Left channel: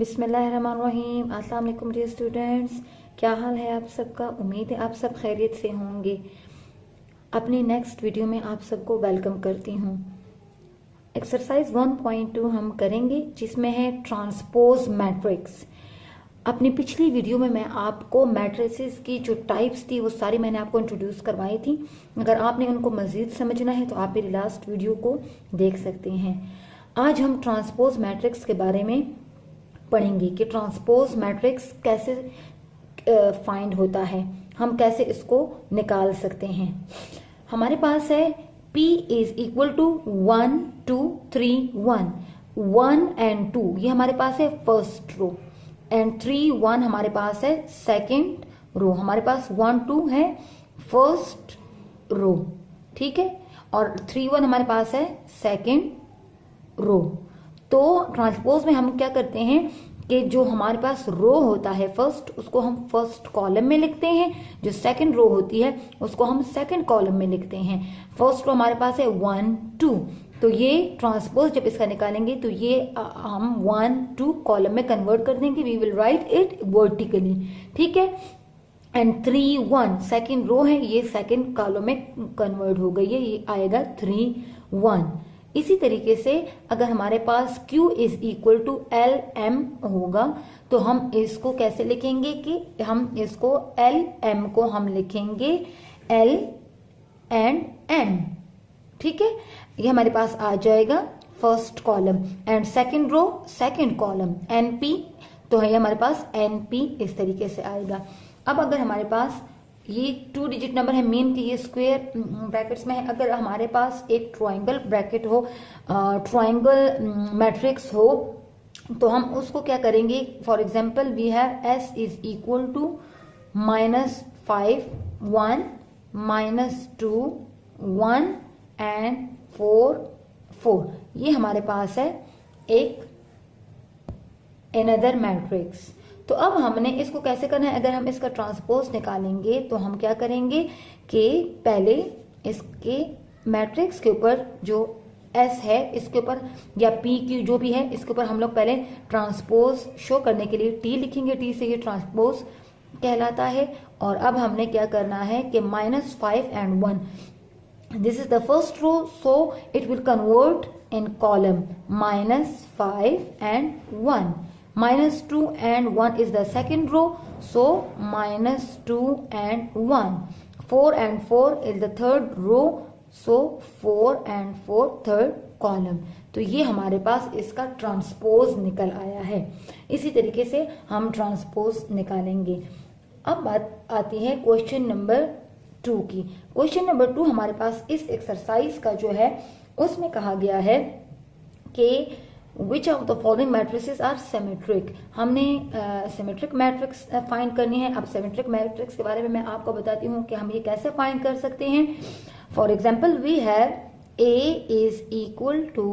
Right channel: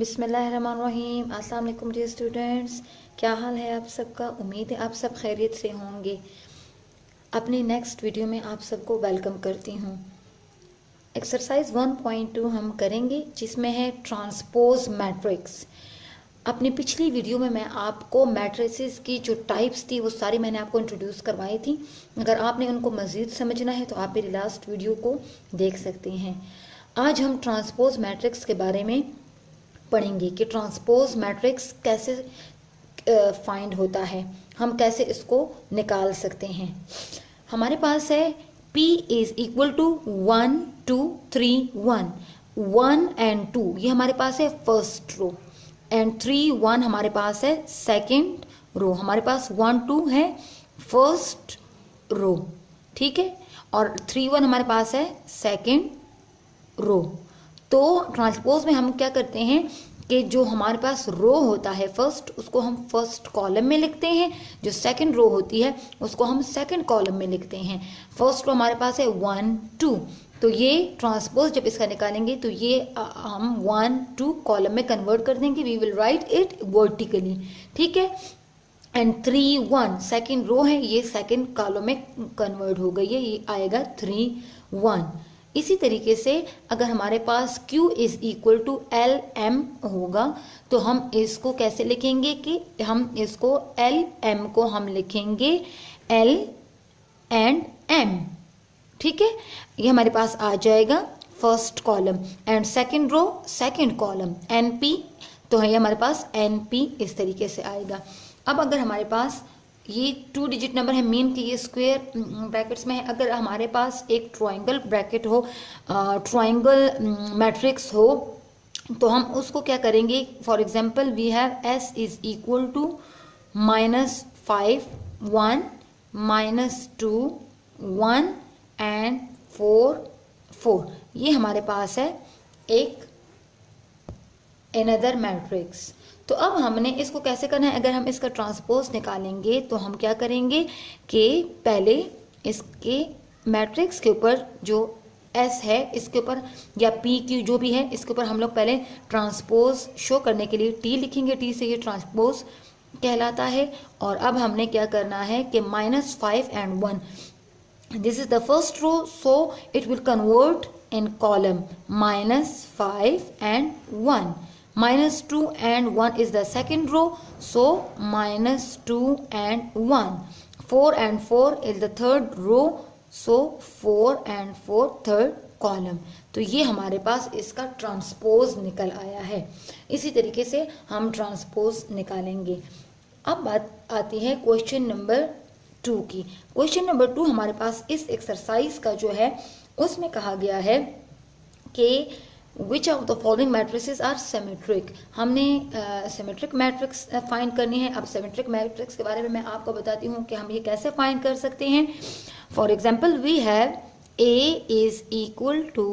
बिस्मिल्लाहिर्रहमानिर्रहीम। अस्सलाम वालेकुम डियर स्टूडेंट्स, क्या हाल है आप सबका। उम्मीद है आप सब खैरियत से होंगे। अपनी नेक्स्ट वीडियो में आप सबको वेलकम करती हूँ। एक्सरसाइज 1.2 हम करेंगे जिसमें है ट्रांसपोज मैट्रिक्स। अपनी पिछली वीडियो में मैं आपको मैट्रिसेस की जो टाइप्स थी वो सारी मैंने आपको इंट्रोड्यूस करवाई थी। अगर आपने उनको मज़ीद समझना है तो आप मेरी लास्ट वीडियो को देख सकते हैं। आज हम ट्रांसपोज मैट्रिक्स के बारे में पढ़ेंगे कि ट्रांसपोज मैट्रिक्स कैसे फाइंड होता है, हम कैसे इसको निकाल सकते हैं। हमारे पास है P is equal to 1 2 3 1 1 and 2, ये हमारे पास है फर्स्ट रो, एंड 3 1 हमारे पास है सेकेंड रो। हमारे पास 1 2 है फर्स्ट रो, ठीक है, और 3 1 हमारे पास है सेकेंड रो। तो ट्रांसपोज में हम क्या करते हैं कि जो हमारे पास रो होता है फर्स्ट, उसको हम फर्स्ट कॉलम में लिखते हैं, जो सेकंड रो होती है उसको हम सेकंड कॉलम में लिखते हैं। फर्स्ट रो हमारे पास है 1 2, तो ये ट्रांसपोज जब इसका निकालेंगे तो ये हम 1 2 कॉलम में कन्वर्ट कर देंगे। We will write it vertically, ठीक है। एंड 3 1 सेकेंड रो है, ये सेकेंड कॉलम में कन्वर्ट हो गई है, ये आएगा 3 1। इसी तरीके से अगर हमारे पास Q is equal to L M होगा तो हम इसको कैसे लिखेंगे कि हम इसको एल एम को हम लिखेंगे L एंड M, ठीक है। ये हमारे पास आ जाएगा first column, and second row second column NP, तो है हमारे पास NP इस तरीके से आएगा। अब अगर हमारे पास ये 2 डिजिट नंबर है, मीन कि ये स्क्वायर ब्रैकेट्स में है। अगर हमारे पास एक ट्रायंगल ब्रैकेट हो, ट्रायंगल मैट्रिक्स हो, तो हम उसको क्या करेंगे। For example we have S is equal to -5 1 -2 1 and 4 4, ये हमारे पास है एक अनदर मैट्रिक्स। तो अब हमने इसको कैसे करना है, अगर हम इसका ट्रांसपोज निकालेंगे तो हम क्या करेंगे कि पहले इसके मैट्रिक्स के ऊपर जो S है इसके ऊपर, या P की जो भी है इसके ऊपर हम लोग पहले ट्रांसपोज शो करने के लिए T लिखेंगे। T से ये ट्रांसपोज कहलाता है। और अब हमने क्या करना है कि -5 and 1, this is the first row, so it will convert in column -5 and 1, -2 and 1 is the second row, so -2 and 1, 4 and 4 is the third row, so 4 and 4 third column। तो ये हमारे पास इसका ट्रांसपोज निकल आया है। इसी तरीके से हम ट्रांसपोज निकालेंगे। अब बात आती है क्वेश्चन नंबर 2 की। क्वेश्चन नंबर 2 हमारे पास इस एक्सरसाइज का जो है उसमें कहा गया है कि Which of the following matrices are symmetric। हमने सिमेट्रिक मैट्रिक्स फाइंड करनी है। अब सिमेट्रिक मैट्रिक्स के बारे में मैं आपको बताती हूँ कि हम ये कैसे फाइंड कर सकते हैं। For example we have A is equal to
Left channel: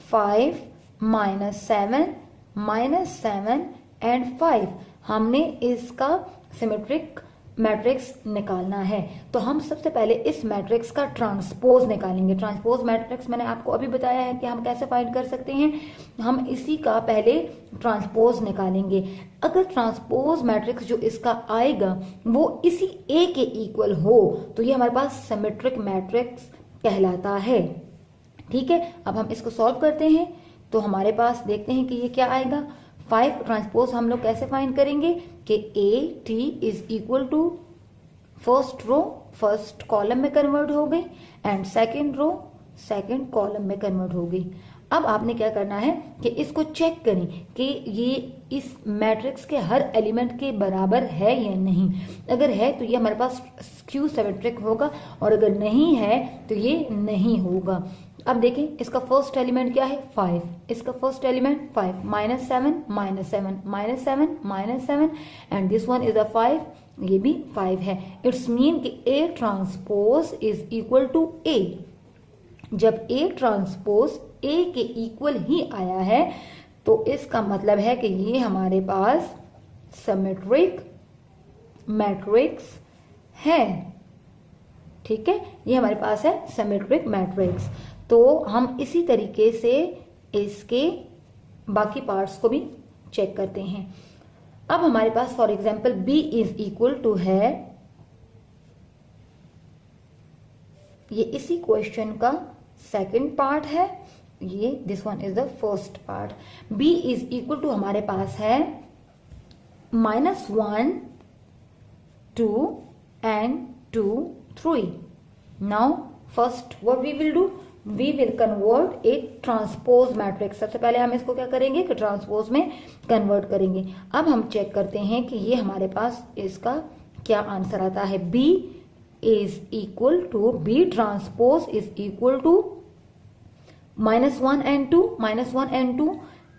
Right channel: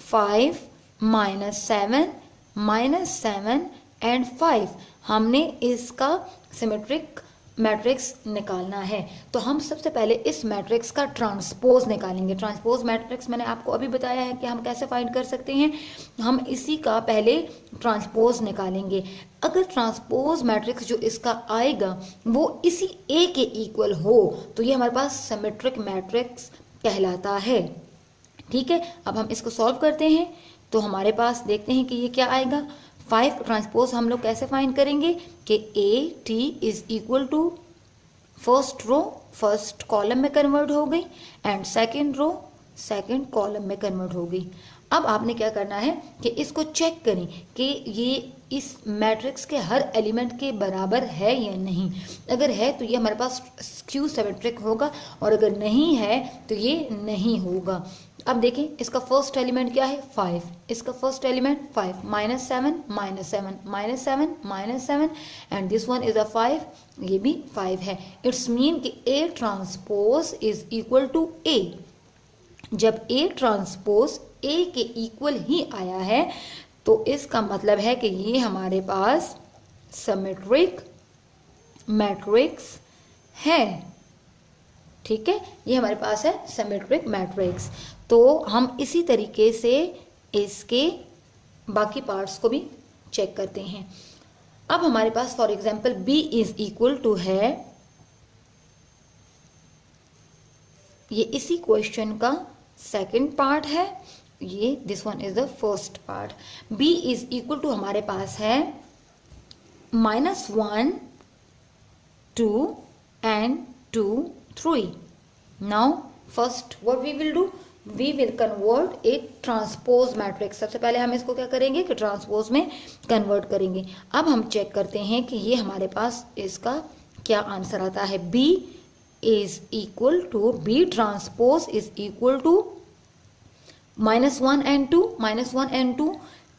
5 -7 -7 and 5। हमने इसका सिमेट्रिक मैट्रिक्स निकालना है, तो हम सबसे पहले इस मैट्रिक्स का ट्रांसपोज निकालेंगे। ट्रांसपोज मैट्रिक्स मैंने आपको अभी बताया है कि हम कैसे फाइंड कर सकते हैं। हम इसी का पहले ट्रांसपोज निकालेंगे। अगर ट्रांसपोज मैट्रिक्स जो इसका आएगा वो इसी A के इक्वल हो तो ये हमारे पास सिमेट्रिक मैट्रिक्स कहलाता है, ठीक है। अब हम इसको सॉल्व करते हैं तो हमारे पास देखते हैं कि ये क्या आएगा। 5 ट्रांसपोज हम लोग कैसे फाइंड करेंगे कि A T is equal to first row first column में कन्वर्ट हो गई, and second row second column में कन्वर्ट हो गई। अब आपने क्या करना है कि इसको चेक करें कि ये इस मैट्रिक्स के हर एलिमेंट के बराबर है या नहीं। अगर है तो ये हमारे पास स्क्यू सिमेट्रिक होगा, और अगर नहीं है तो ये नहीं होगा। अब देखें इसका फर्स्ट एलिमेंट क्या है 5, इसका first element 5 -7 -7 -7 -7 and this one is a 5, ये भी 5 है। इट्स मीन कि A transpose is equal to A। जब A ट्रांसपोज A के इक्वल ही आया है तो इसका मतलब है कि ये हमारे पास सिमेट्रिक मैट्रिक्स है, ठीक है। ये हमारे पास है सिमेट्रिक मैट्रिक्स। तो हम इसी तरीके से इसके बाकी पार्ट्स को भी चेक करते हैं। अब हमारे पास for example b is equal to है, ये इसी क्वेश्चन का सेकंड पार्ट है, ये this one is the first part. b is equal to हमारे पास है -1 2 and 2 3। Now first what we will do, we will convert एक ट्रांसपोज मैट्रिक्स। सबसे पहले हम इसको क्या करेंगे कि ट्रांसपोज में कन्वर्ट करेंगे। अब हम चेक करते हैं कि ये हमारे पास इसका क्या आंसर आता है। b is equal to, b transpose is equal to -1 and 2, -1 and 2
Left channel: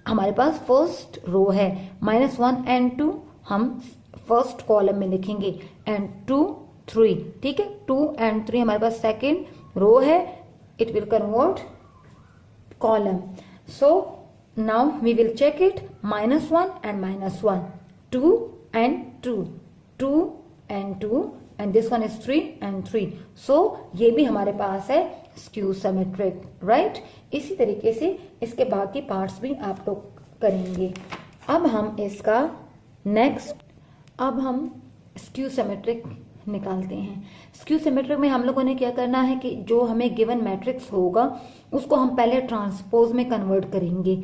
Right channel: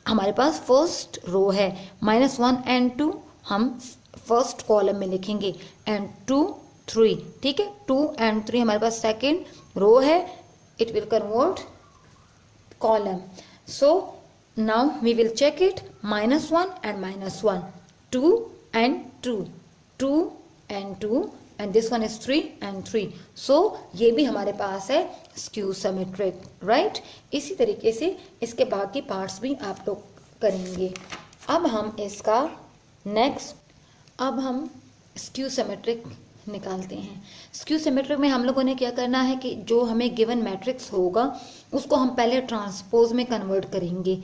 हमारे पास फर्स्ट रो है, -1 and 2 हम फर्स्ट कॉलम में लिखेंगे, एंड 2 3, ठीक है, 2 and 3 हमारे पास सेकेंड रो है, it will convert column. So now we will check it, -1 and -1, 2 and 2, 2 and 2 and this one is 3 and 3। so ये भी हमारे पास है स्क्यू सिमेट्रिक, राइट। इसी तरीके से इसके बाकी पार्ट्स भी आप लोग करेंगे। अब हम इसका नेक्स्ट, अब हम स्क्यू सिमेट्रिक निकालते हैं। स्क्यू सिमेट्रिक में हम लोगों ने क्या करना है कि जो हमें गिवन मैट्रिक्स होगा उसको हम पहले ट्रांसपोज में कन्वर्ट करेंगे।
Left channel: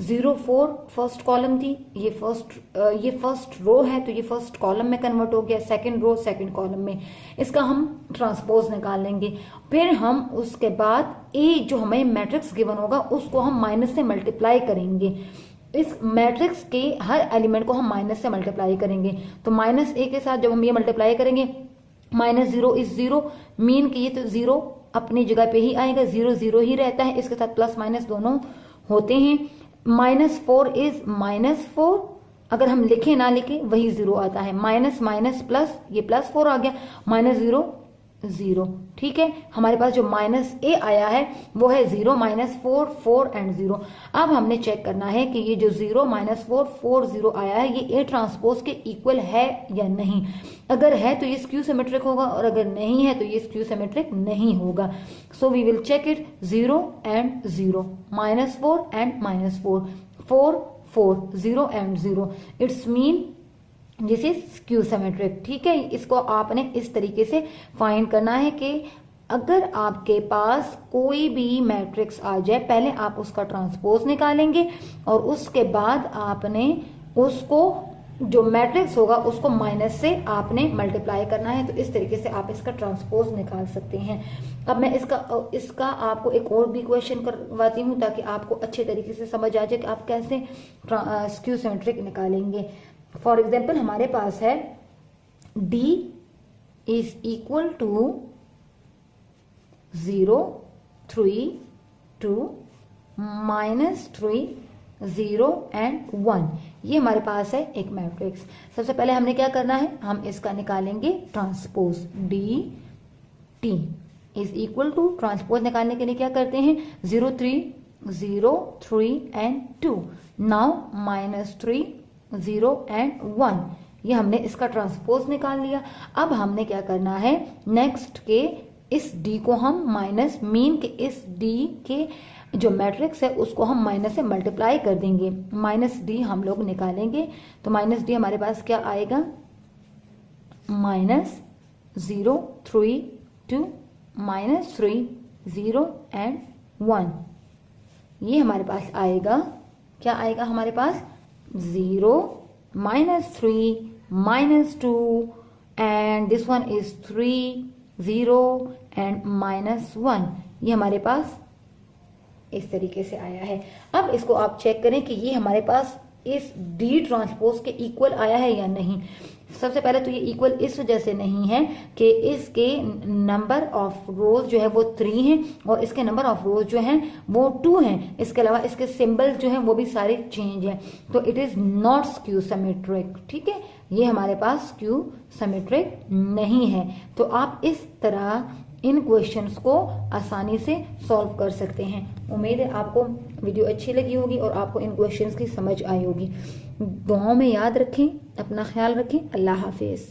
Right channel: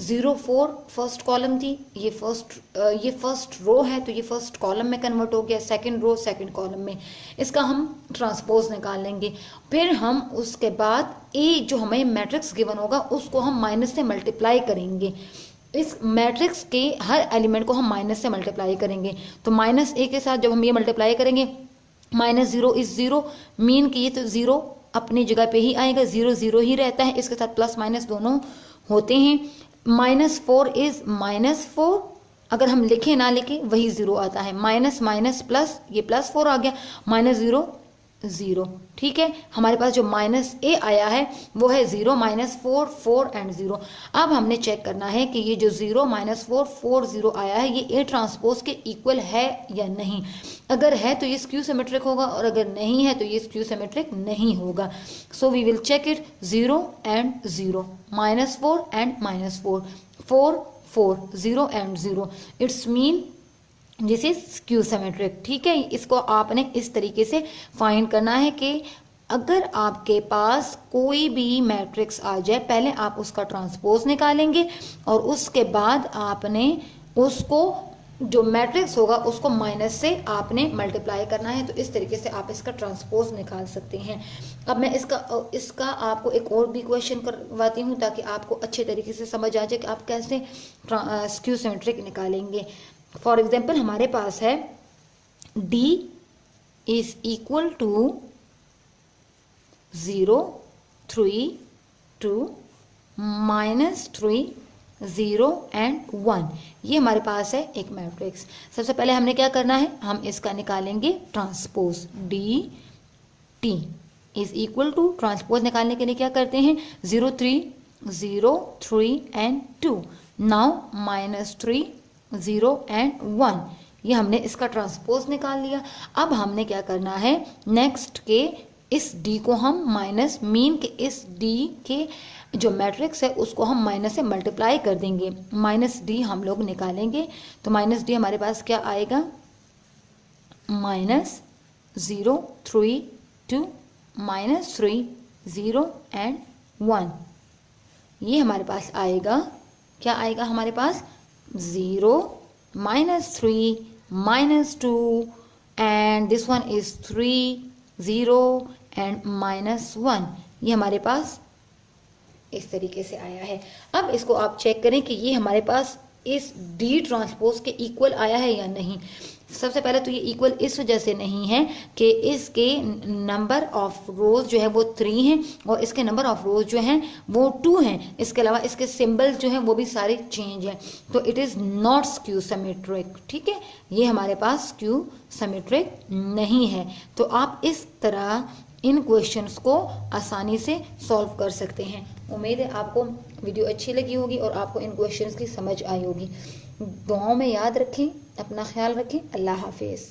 0 4 फर्स्ट कॉलम थी, ये फर्स्ट रो है तो ये फर्स्ट कॉलम में कन्वर्ट हो गया, सेकंड रो सेकंड कॉलम में, इसका हम ट्रांसपोज निकाल लेंगे। फिर हम उसके बाद ए जो हमें मैट्रिक्स गिवन होगा उसको हम माइनस से मल्टीप्लाई करेंगे। इस मैट्रिक्स के हर एलिमेंट को हम माइनस से मल्टीप्लाई करेंगे, तो -a के साथ जब हम ये मल्टीप्लाई करेंगे, -0 इज 0, मीन कि ये तो 0 अपनी जगह पे ही आएगा, 0 0 ही रहता है, इसके साथ प्लस माइनस दोनों होते हैं। -4 इज -4, अगर हम लिखे ना लिखे वही 0 आता है, माइनस माइनस प्लस, ये +4 आ गया, -0 0, ठीक है। हमारे पास जो -a आया है वो है 0 -4 4 एंड 0। अब हमने चेक करना है कि ये जो 0 -4 4 0 आया है ये a ट्रांसपोज के इक्वल है या नहीं। अगर है तो ये स्क्यू सिमेट्रिक होगा, और अगर नहीं है तो ये स्क्यू सिमेट्रिक नहीं होगा। So we will check it, 0 and 0, -4 and -4, 4 4, 0 and 0, it's mean this is skew symmetric, ठीक है। इसको आपने इस तरीके से फाइंड करना है कि अगर आपके पास कोई भी मैट्रिक्स आ जाए, पहले आप उसका ट्रांसपोज निकालेंगे और उसके बाद आपने उसको जो मैट्रिक्स होगा उसको माइनस से आपने मल्टीप्लाई करना है। तो इस तरीके से आप इसका ट्रांसपोज निकाल सकते हैं। अब मैं इसका आपको एक और भी क्वेश्चन करवाती हूँ ताकि आपको अच्छे तरीके से समझ आ जाए कि आप कैसे स्क्यू सिमेट्रिक निकालेंगे। फॉर एग्जाम्पल हमारे पास है d is equal to 0 3 2 -3 0 and 1, ये हमारे पास है एक मैट्रिक्स। सबसे पहले हमने क्या करना है, हम इसका निकालेंगे transpose, d t is equal to, transpose निकालने के लिए क्या करते हैं, 0 3 and 2, नाउ -3 0 and 1, ये हमने इसका ट्रांसपोज निकाल लिया। अब हमने क्या करना है, नेक्स्ट के इस d को हम माइनस, मीन के इस d के जो मैट्रिक्स है उसको हम माइनस से मल्टीप्लाई कर देंगे, -d हम लोग निकालेंगे। तो -d हमारे पास क्या आएगा, -0 3 2 -3 0 and 1, ये हमारे पास आएगा, क्या आएगा हमारे पास, 0 -3 -2 and this one is 3 0 and -1, ये हमारे पास इस तरीके से आया है। अब इसको आप चेक करें कि ये हमारे पास इस D ट्रांसपोज के इक्वल आया है या नहीं। सबसे पहले तो ये इक्वल इस वजह से नहीं है कि इसके नंबर ऑफ रोज जो है वो 3 हैं और इसके नंबर ऑफ रोज जो हैं वो 2 हैं। इसके अलावा इसके सिंबल्स जो हैं वो भी सारे चेंज हैं, तो it is not skew symmetric, ठीक है। ये हमारे पास स्क्यू सिमेट्रिक नहीं है। तो आप इस तरह इन क्वेश्चंस को आसानी से सॉल्व कर सकते हैं। उम्मीद है आपको वीडियो अच्छी लगी होगी और आपको इन क्वेश्चंस की समझ आई होगी। दुआओं में याद रखें, अपना ख्याल रखें। अल्लाह हाफिज।